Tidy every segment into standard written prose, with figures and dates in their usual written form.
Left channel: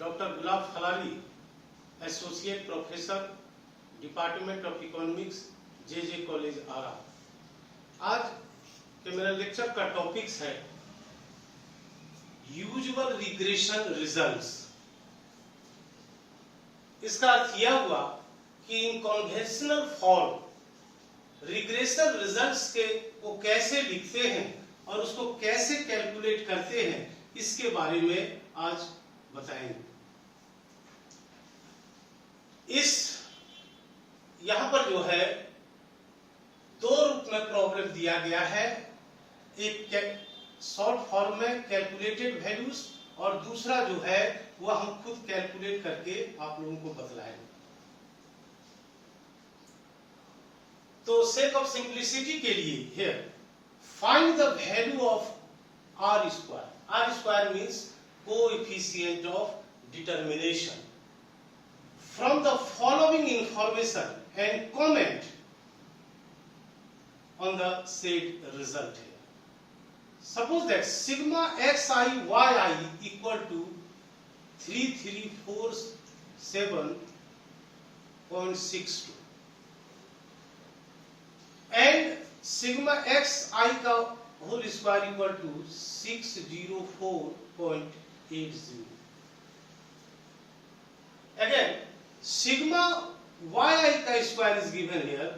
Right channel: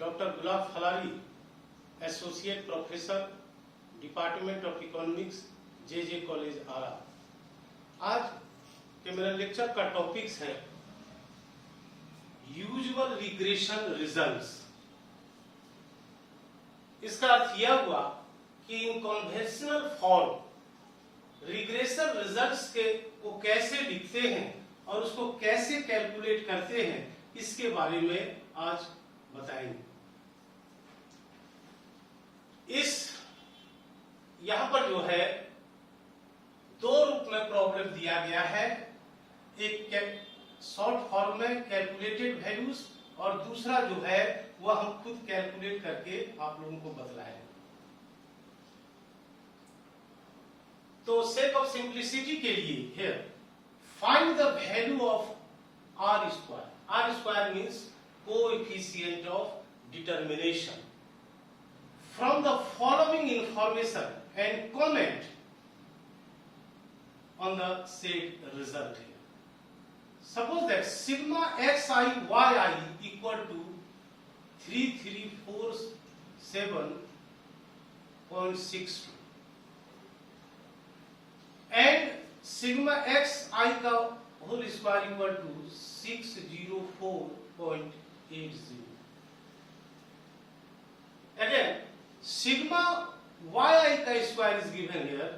Doctor Gulab Falari, associate professor, department of economics, J college Ara. आज के मेरा लेक्चर का टॉपिक्स है यूजुअल रिग्रेशन रिजल्ट्स। इसका अर्थ यह हुआ कि इन कन्वेंशनल फॉर्म रिग्रेशन रिजल्ट्स के को कैसे लिखते हैं और उसको कैसे कैलकुलेट करते हैं, इसके बारे में आज बताएंगे। इस यहां पर जो है दो रूप में प्रॉब्लम दिया गया है, एक शॉर्ट फॉर्म में कैलकुलेटेड वैल्यूज और दूसरा जो है वह हम खुद कैलकुलेट करके आप लोगों को बतलाएंगे। तो सेक ऑफ सिंप्लिसिटी के लिए here find the value of R square. R square means coefficient of determination from the following information and comment on the said result here. Suppose that sigma xi yi equal to 3347.62 and sigma xi का whole square equal to 604.80. Again, sigma yi का square is given here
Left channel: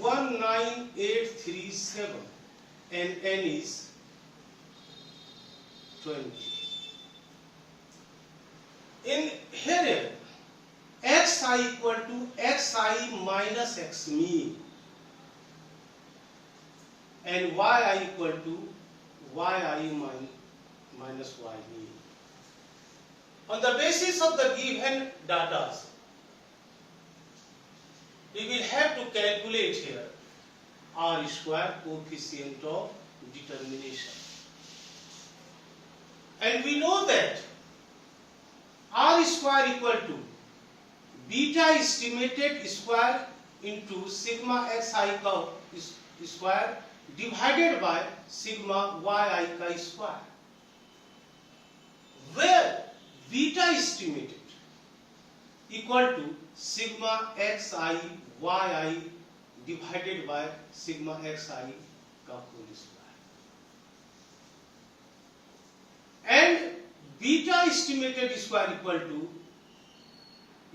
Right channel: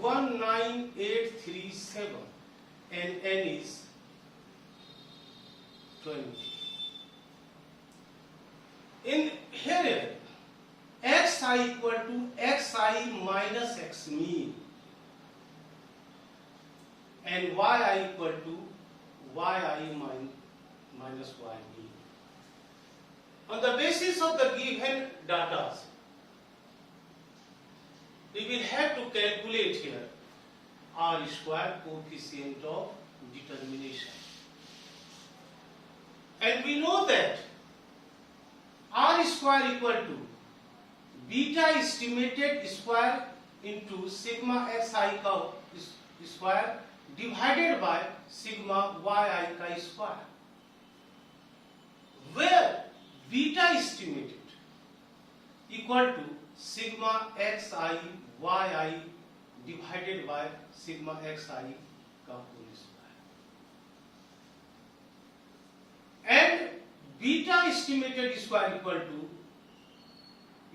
19837 and n is 20. In here xi equal to xi minus x mean and yi equal to yi minus y mean. On the basis of the given data, we will have to calculate here R square coefficient of determination. And we know that R square equal to beta estimated square into sigma xi का square divided by sigma yi का square, where beta estimated equal to sigma xi yi divided by sigma xi का whole square, and beta estimated square equal to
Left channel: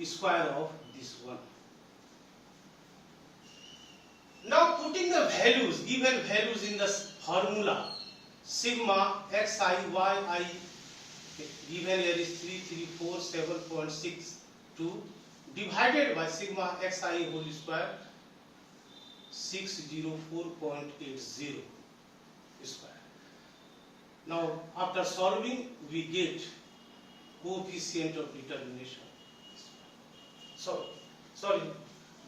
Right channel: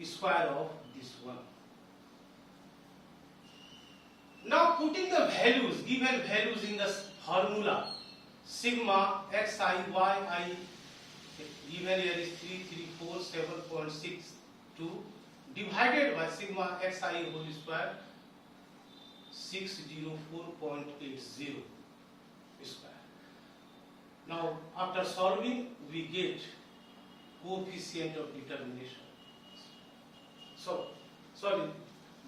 square of this one. Now putting the values, given values in the formula, sigma xi yi given here is 3347.62 divided by sigma xi whole square 604.80 square. Now after solving we get coefficient of determination. So sorry,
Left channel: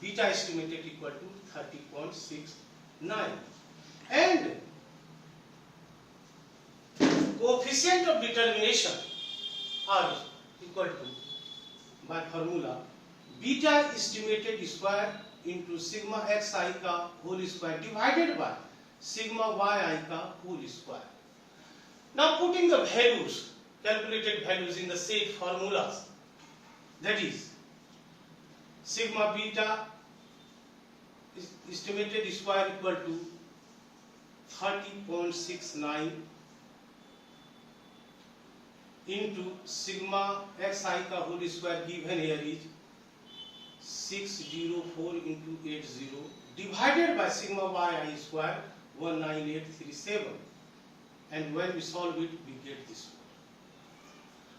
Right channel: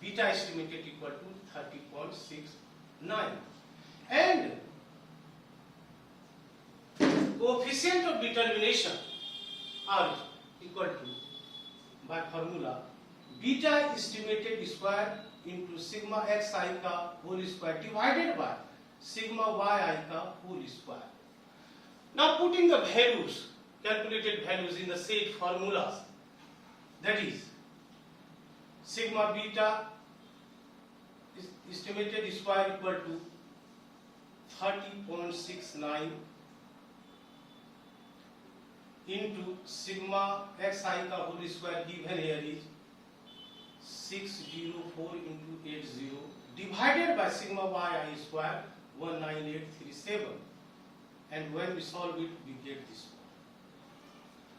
beta estimated equal to 30.69 and coefficient of determination are equal to, by formula, beta estimated square into sigma xi का whole square divided by sigma yi का whole square. Now putting the values, calculated values in the said formulas, that is sigma beta estimated square equal to 30.69 into sigma xi का whole square given here is 604 into 80 divided by sigma yi square 19837, and when we solve it we get this one.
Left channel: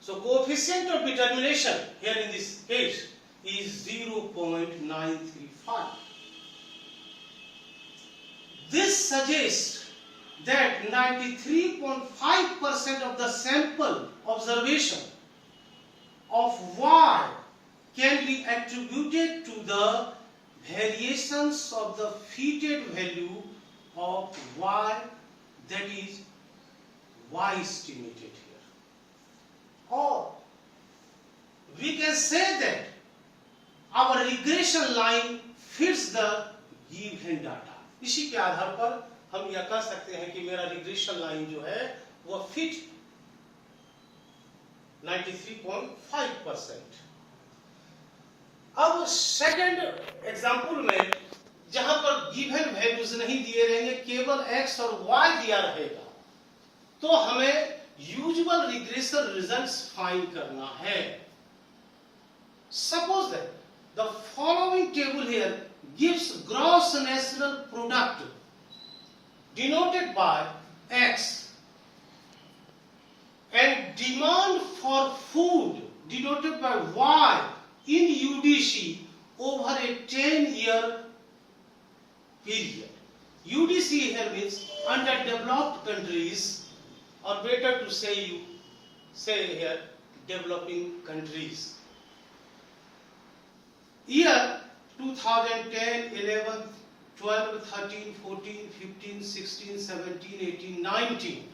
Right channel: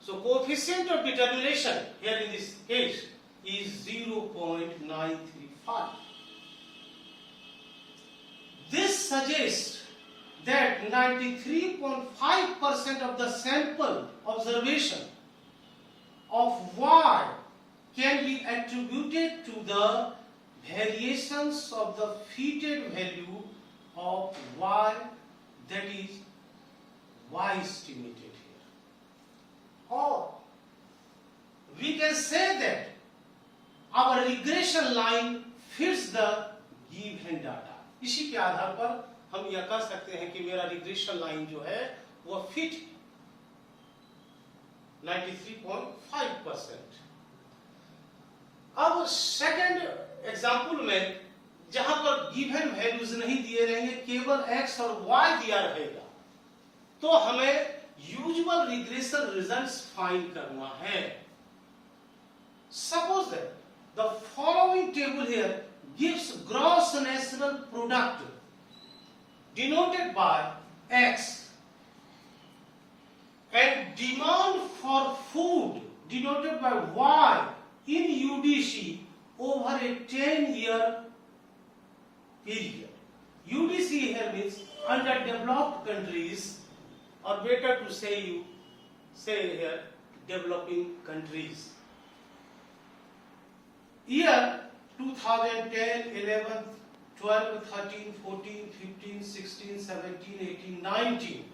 So coefficient of determination here in this case is 0.935. This suggests that 93.5% of the sample observation of Y can be attributed to the variations of the fitted value of Y, that is Y estimated here. Or we can say that our regression line fits the given data. इसी के आधार पर हम यह कह सकते हैं कि मेरा रिग्रेशन लाइन जो है वो फिट 93.5%। अब सेकंड एग्जांपल में जहां पर गिवन वैल्यूज नहीं दिए रहेंगे, केवल x और y दिया रहेगा, तो हमें यूजुअल रिग्रेशन रिजल्ट्स फाइंड करना है। Suppose that the following table here gives gross national product denoted by x and demand for food denoted by y in UDC over a 10-year period. UDC here means underdeveloped countries, or better to say here developing countries. Year 2010, 11, 12, 13, 14, 15, 16, 17, 18, 19.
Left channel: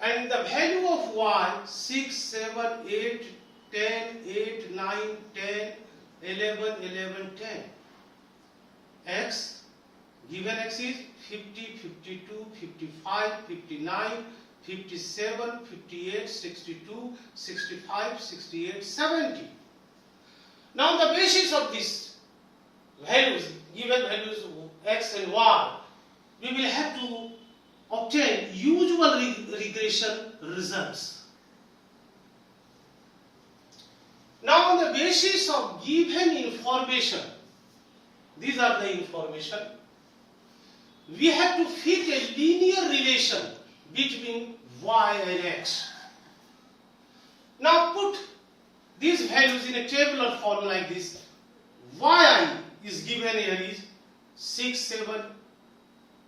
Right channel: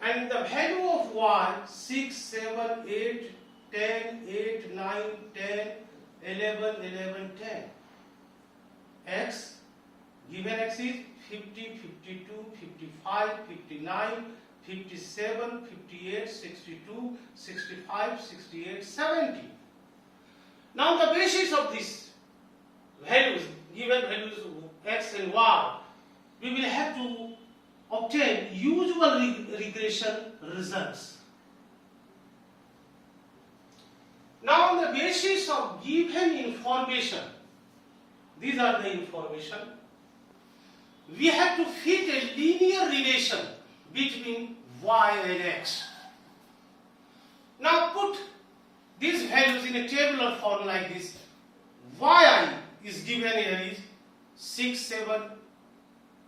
And the value of y 6, 7, 8, 10, 8, 9, 10, 11, 11, 10. X, given x is 50, 52, 55, 59, 57, 58, 62, 65, 68, 70. Now on the basis of these values, given values x and y, we will have to obtain usual regression results. Now on the basis of given information, these are the information, we have to fit a linear relation between y and x. Now put these values in a tabular form like this. yi is given here is 6, 7,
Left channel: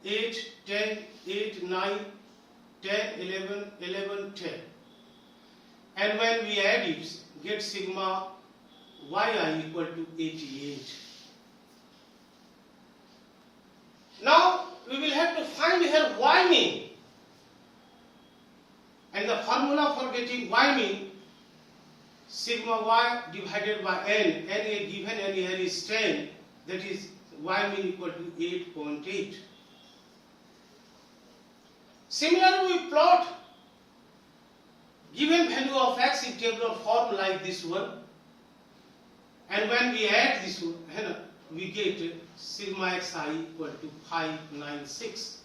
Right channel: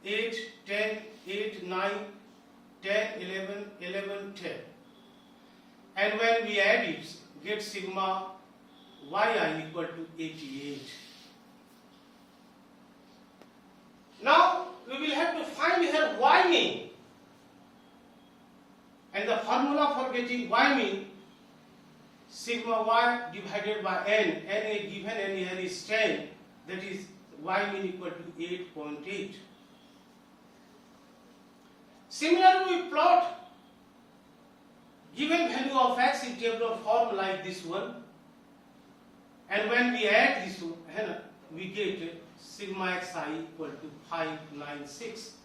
8, 10, 8, 9, 10, 11, 11, 10. And when we add it, get sigma yi equal to 88. Now we will have to find here y mean. And the formula for getting y mean, sigma y divided by n, n a given n here is 10, that is y mean equal to 8.8. Similarly, we plot given value of x in tabular form like this one, and when we add this one, we get sigma xi equal to 596.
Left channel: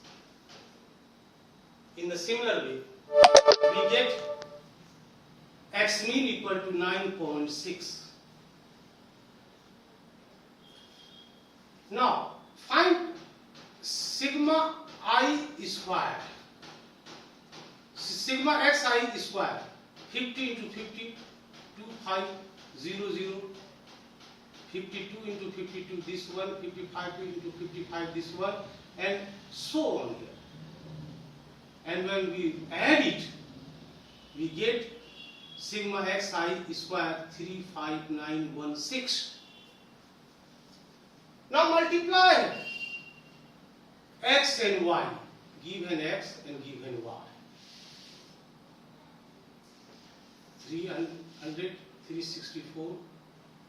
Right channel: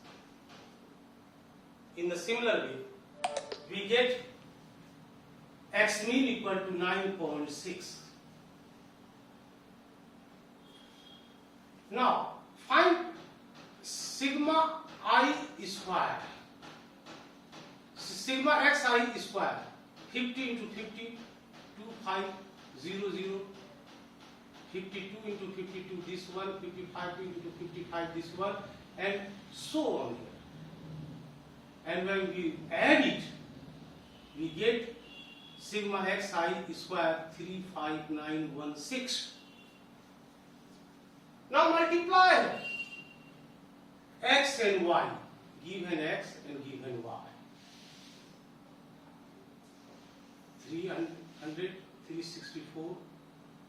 In the similar way, we get x mean equal to 9.6. Now find sigma I square. Sigma xi square, 50 into 50, 2500, 52 into 52 this one, 55 into 55 this one, and so on here. And when we add it, we get sigma xi square 35916. Now multiply x and y, given x and given y. 300, 364,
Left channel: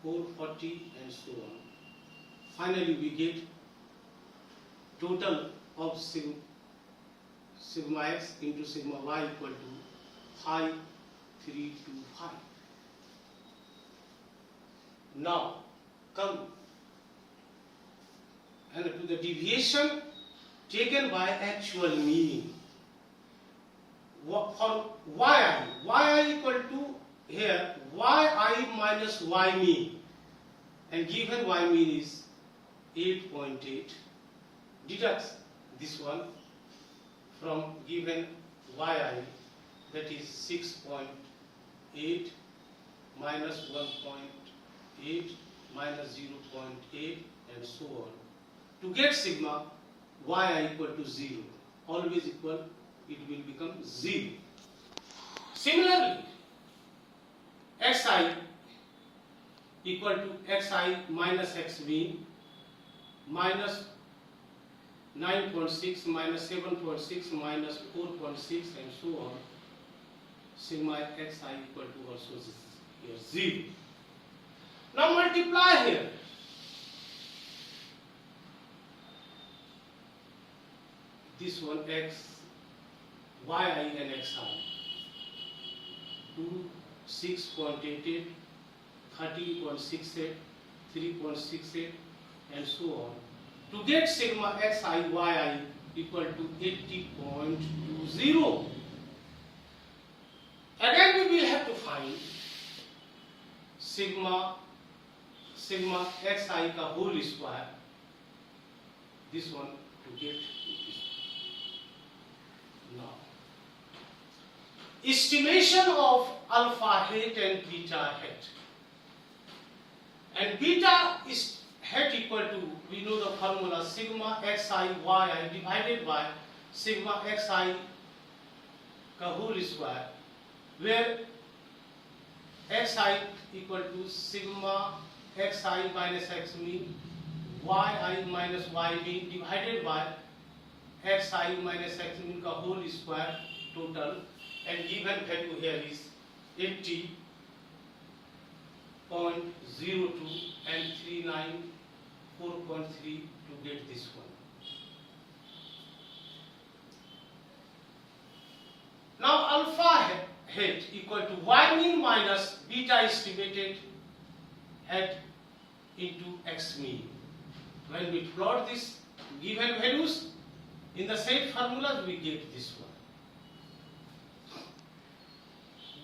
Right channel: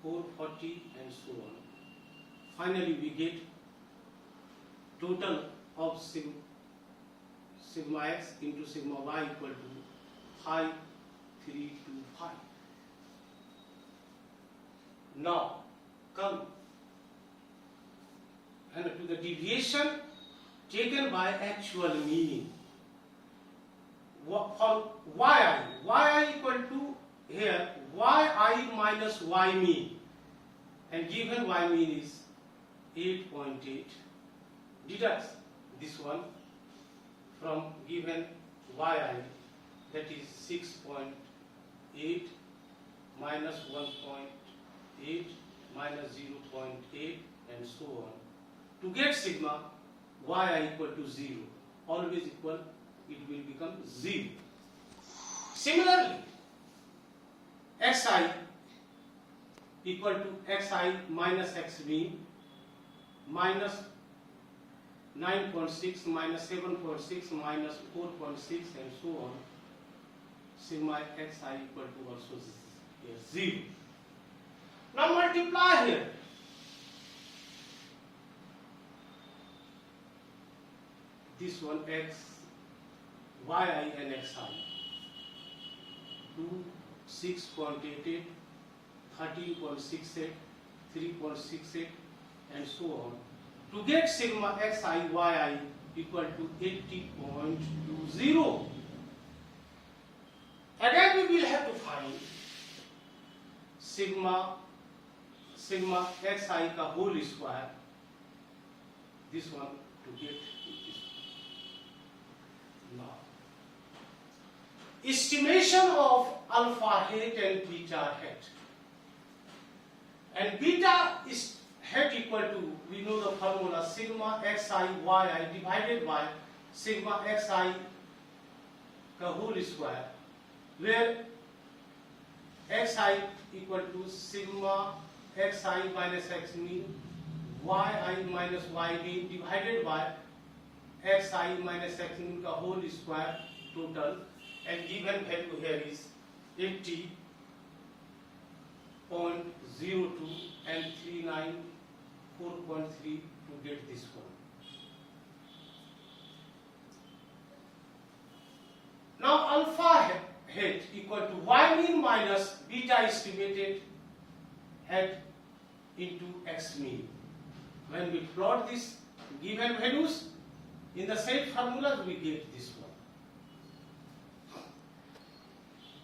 440 and so on. Finally we get total of sigma x into sigma y equal to 5325. Now come and to the deviation taken by actual mean. For yi equal to here yi minus y mean, and given y mean is 8.8. Deduct this one from given yi, that is 6.8 minus 1.8 minus 0.8 and so on, to get sigma yi equal to 0. Always equal, it will become 0. Similarly, xi equal to xi minus x mean minus 9.6 minus 7.6 minus 4.6 and so on. Sigma xi equal to also here 0. Now multiply here. This one x, yi and xi. 2, 6.88, 13.68, 3.68 and so on, to get sigma xi yi equal to 80.20. Again we will have to find sigma xi ka whole square, this one, to get this. Now, estimation of alpha hat and beta hat. And beta is hat equal to, we know the formula, sigma xi yi divided by sigma xi ka whole square, where xi equal to sigma xi minus x mean, yi minus y mean divided by xi minus x mean ka whole square total, and given value here is 80.02 and 394.3 to get this one. Now alpha hat equal to y mean minus beta estimated hat into x mean. When we plot these given values in the set formulas, we get this one.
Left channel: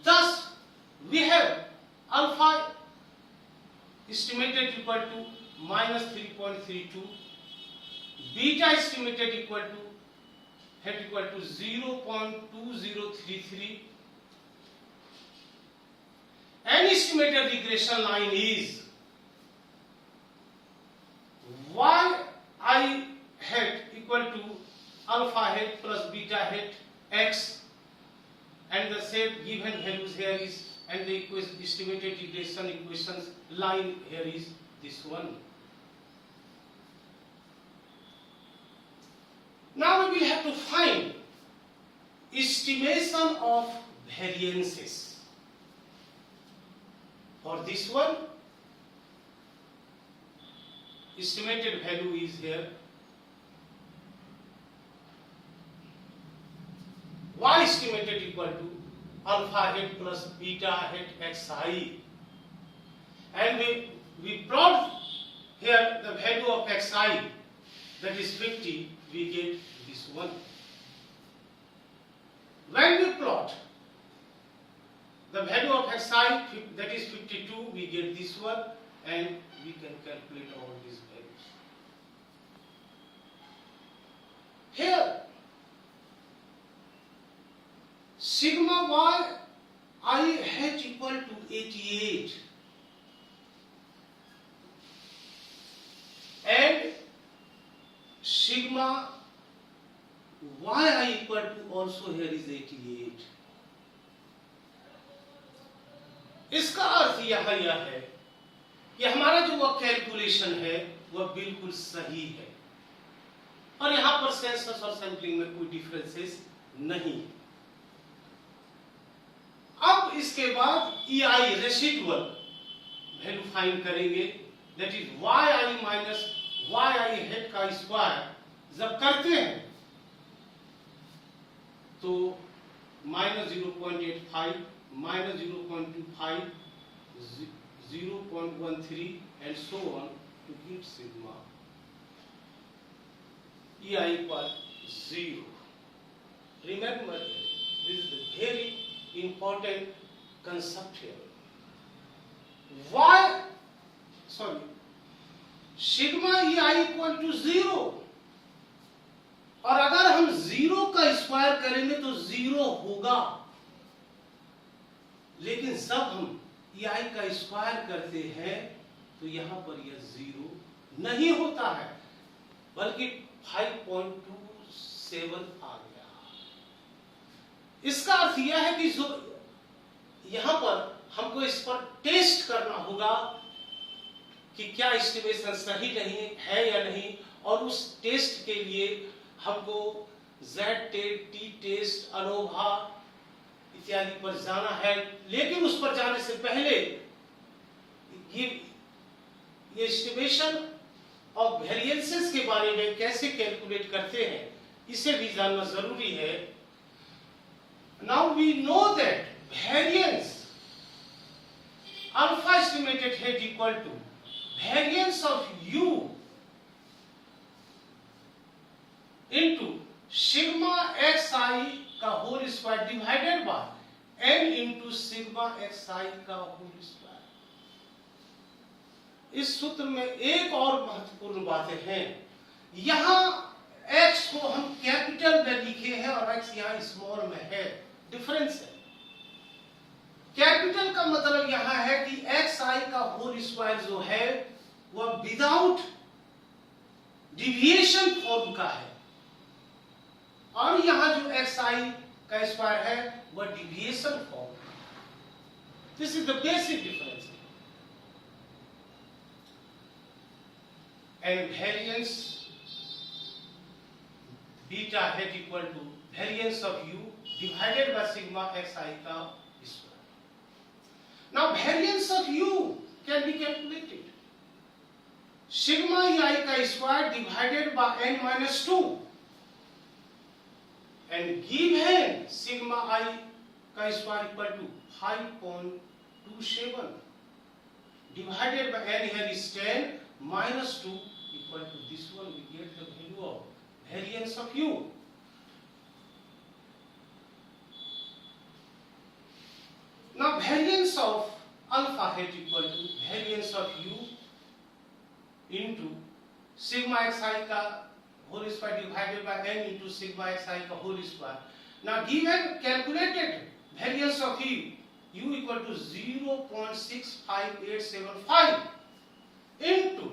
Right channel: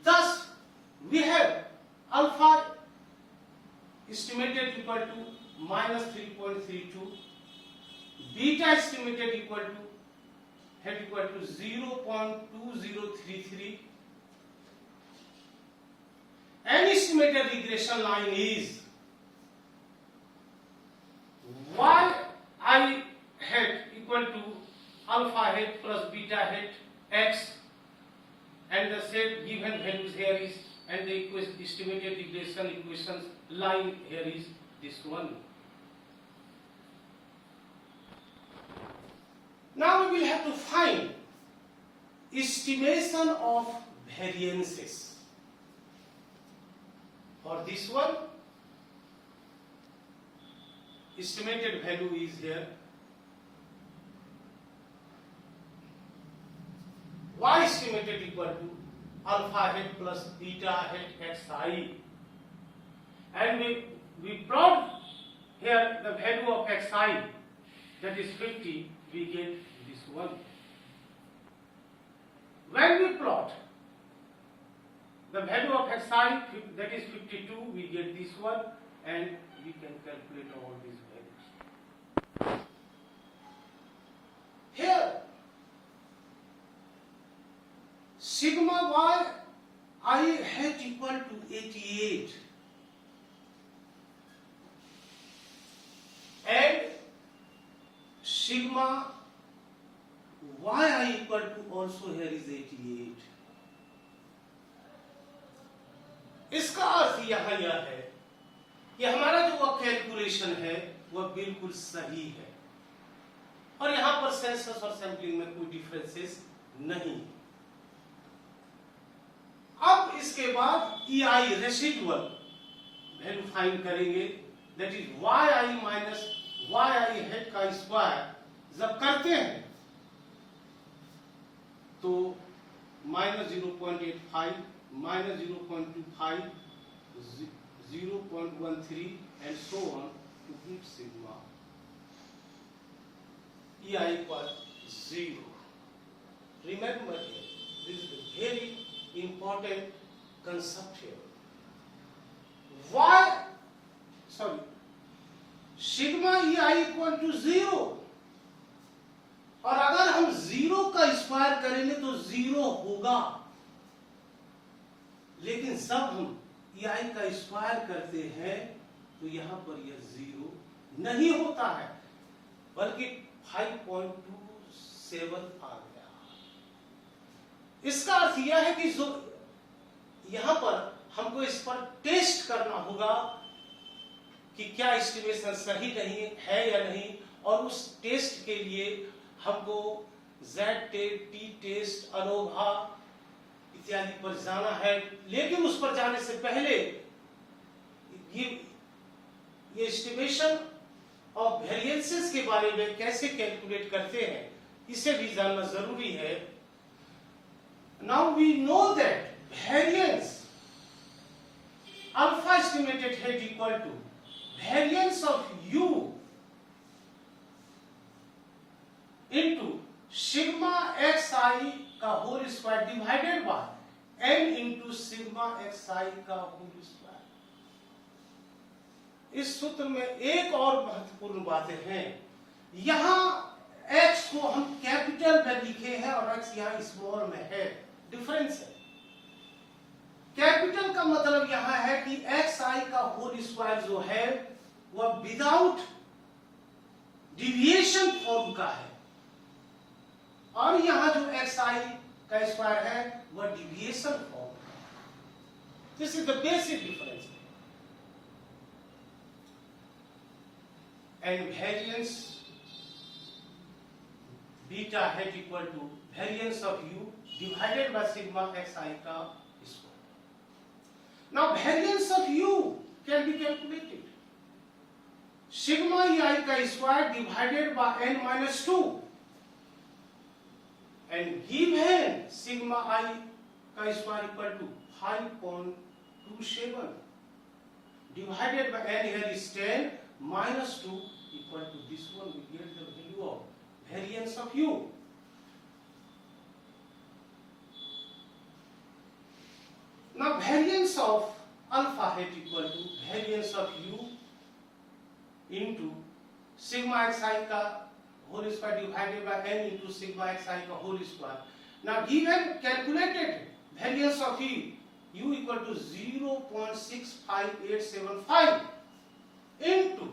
Thus, we have alpha estimated equal to minus 3.32, beta estimated equal to hat equal to 0.2033, and estimated regression line is yi hat equal to alpha hat plus beta hat x, and the set given values here is, and the estimated regression equations line here is this one. Now we will have to find estimation of variances. For this one, estimated value is here. Y estimated equal to alpha hat plus beta hat xi, and we plot here the value of xi, that is 50, we get this one. When we plot the value of xi, that is 52, we get this one, and we can calculate all these values. Here, sigma yi hat equal to 88, and sigma yi equal to also here is 88. इसका अर्थ यह है कि हमारा जो वह calculation है वह बिल्कुल सही है, और यहां पर सेंसस और सैंपलिंग में कोई डिफरेंसेस नहीं। अब इसके बाद EI रेसिडुअल वैल्यू फाइंड करेंगे, that is yi minus yi head का स्क्वायर जब करते हैं तो minus 0.85, minus 0.25, 0.13 and so on to get sigma EI equal 0. Remember, this is a very important concept here. Sigma EI equal to 0, और अगर हम 0 का स्क्वायर करेंगे तो 0 होगा, लेकिन जब हम EI का स्क्वायर करते हैं तो यहां पर यह 0 नहीं होता है, बल्कि 5.27 आ गया। इसका अर्थ यह है कि जो यहां पर हमको इस पर टेस्ट करना होगा कि क्या एस्टिमेशन सही नहीं है या नहीं, और उस टेस्ट के लिए हमको Z test, T test, ANOVA इत्यादि पर जाना है। लेकिन उस पर जाने से पहले ये एस्टिमेशन ऑफ वेरिएंसेस के बारे में कैसे कैलकुलेट करते हैं इसे भी जानना जरूरी है। Now we know that variance hat equal to variance of u into sigma x i का whole square divided by n into sigma x i का होल स्क्वायर। इस सूत्र में एक और महत्वपूर्ण बातें हैं। यहां x को हम कैपिटल में लिखे हैं और x यहां स्मॉल में है, डिफरेंस है। कैपिटल का मतलब यहां है कि एक्स आई का होल स्क्वायर जो है वह विदाउट डिविएशन फॉर्म का है, और यहां जो एक्स आई का स्क्वायर है वह डिविएशन फॉर्म का। This is the basic difference. And variance beta hat equal to variance of u divided by sigma x i का square. Now variance of u can be calculated. Sigma i का square divided by n minus 2 and given sigma i का square equal to 5.27 divided by n here is 10 minus 2 equal to this one. We get the value of variance of u. Now variance of alpha hat equal to variance of u into sigma xi का whole square divided by n into sigma xi का whole square. Now given calculated variance of u equal to 0.65875 into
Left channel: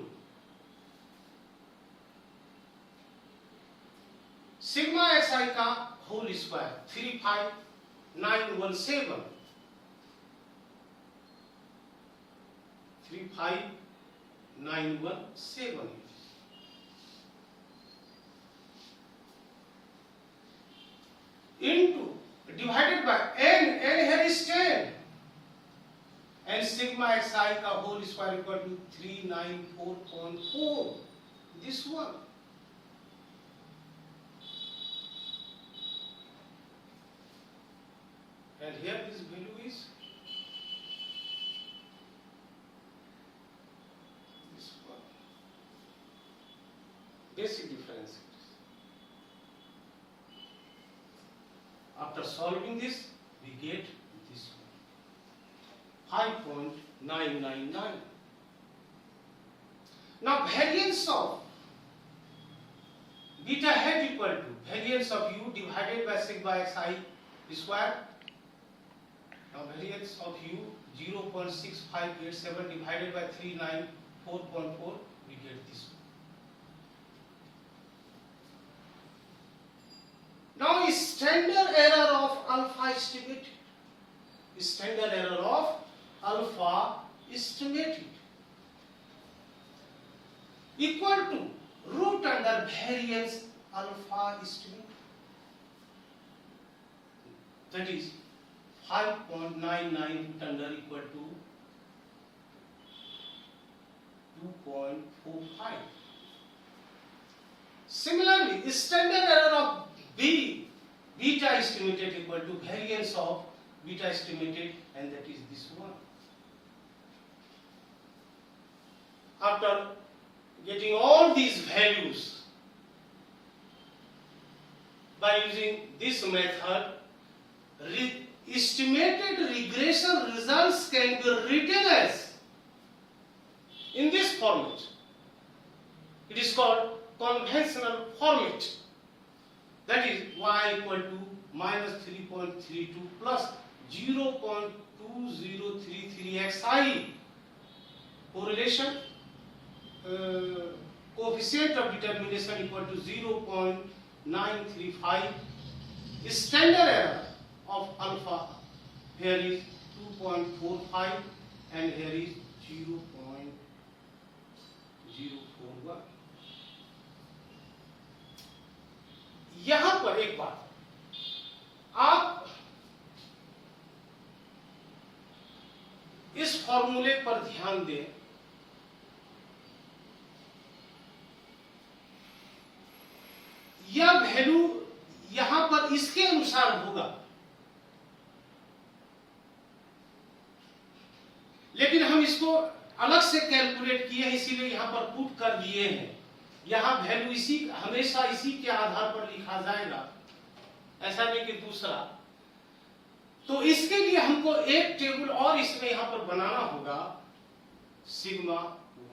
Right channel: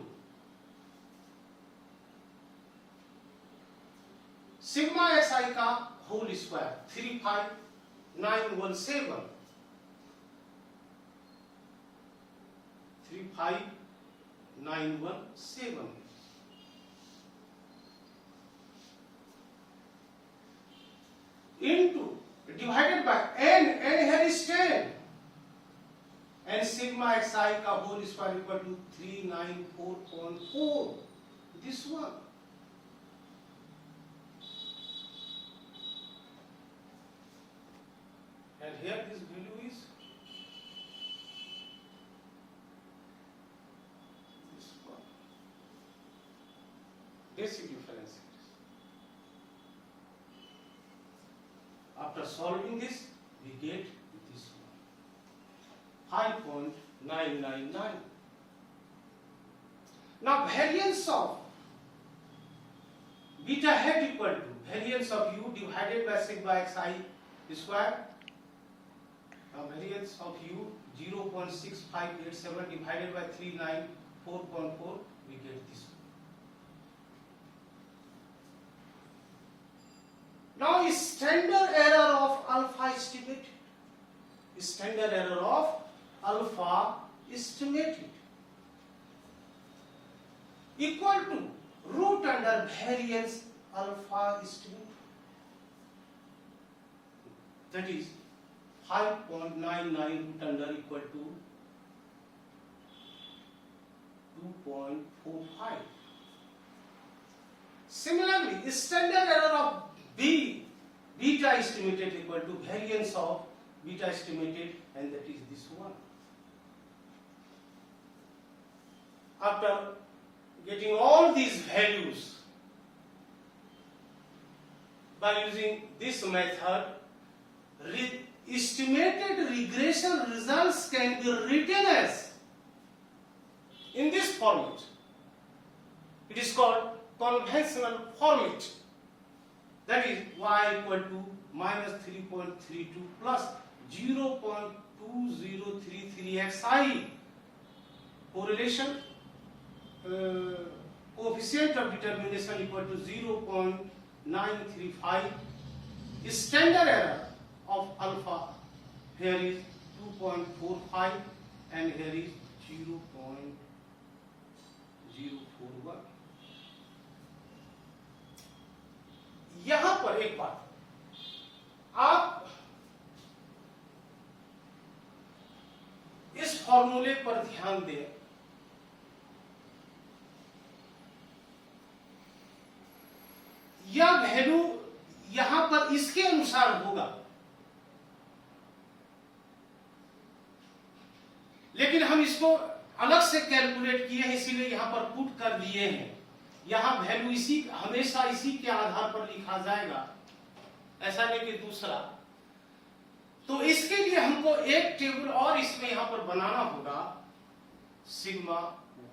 sigma xi का whole square 35917 into divided by n here is 10 and sigma xi का whole square equal to 394.4, this one. And here this value is this one. Basic difference. After solving this, we get this one, 5.999. Now variance of beta hat equal to variance of u divided by sigma xi square. Now variance of u 0.6587 divided by 394.4, we get this one. Now standard error of alpha estimate. Standard error of alpha estimated equal to root under variance alpha estimate. That is 5.99 root under equal to 2.45. Similarly, standard error of beta estimated equal to variance of beta estimated, and that is this one. After getting all these values by using this method, estimated regression results can be written as in this format. It is called conventional format. That is y equal to minus 3.32 plus 0.2033xi correlation coefficient of determination equal to 0.935. Standard error of alpha here is 2.45 and here is 0.041. यहां पर एक बात, आप इस फॉर्मूले पर ध्यान दें। यह वैल्यू यहां पर इसके अनुसार होगा, लेकिन हम इसको अलग से कैलकुलेट किए हैं, इसीलिए यहां पर पुट कर दिए हैं। यहां वैल्यू इसी हमेशा इसी के आधार पर लिखा जाएगा, ऐसा नहीं कि दूसरा। तो इसके लिए हमको एक टेबल और इसमें यहां पर बनाना होगा, सिग्मा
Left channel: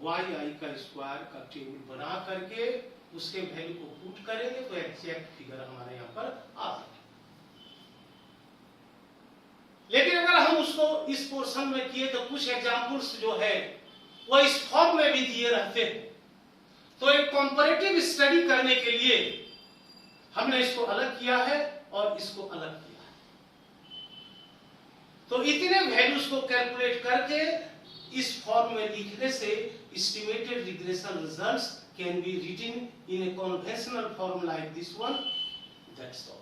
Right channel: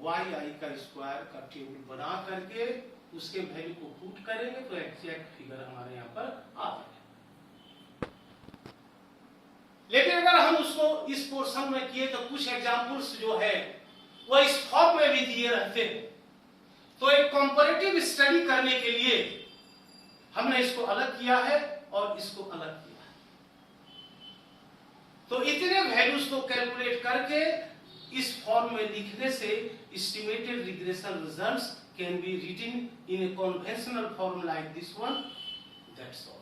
वाई आई का स्क्वायर का टेबल बना करके उसके वैल्यू को पुट करेंगे तो एग्जैक्ट फिगर हमारे यहां पर आ जाएगा। लेकिन अगर हम उसको इस पोर्शन में किए तो कुछ एग्जांपल्स जो है वो इस फॉर्म में भी दिए रहते हैं। तो एक कंपैरेटिव स्टडी करने के लिए हमने इसको अलग किया है और इसको अलग किया है। तो इतने वैल्यूज को कैलकुलेट करके इस फॉर्म में लिखने से estimated regression results can be written in a conventional form like this one. That's all.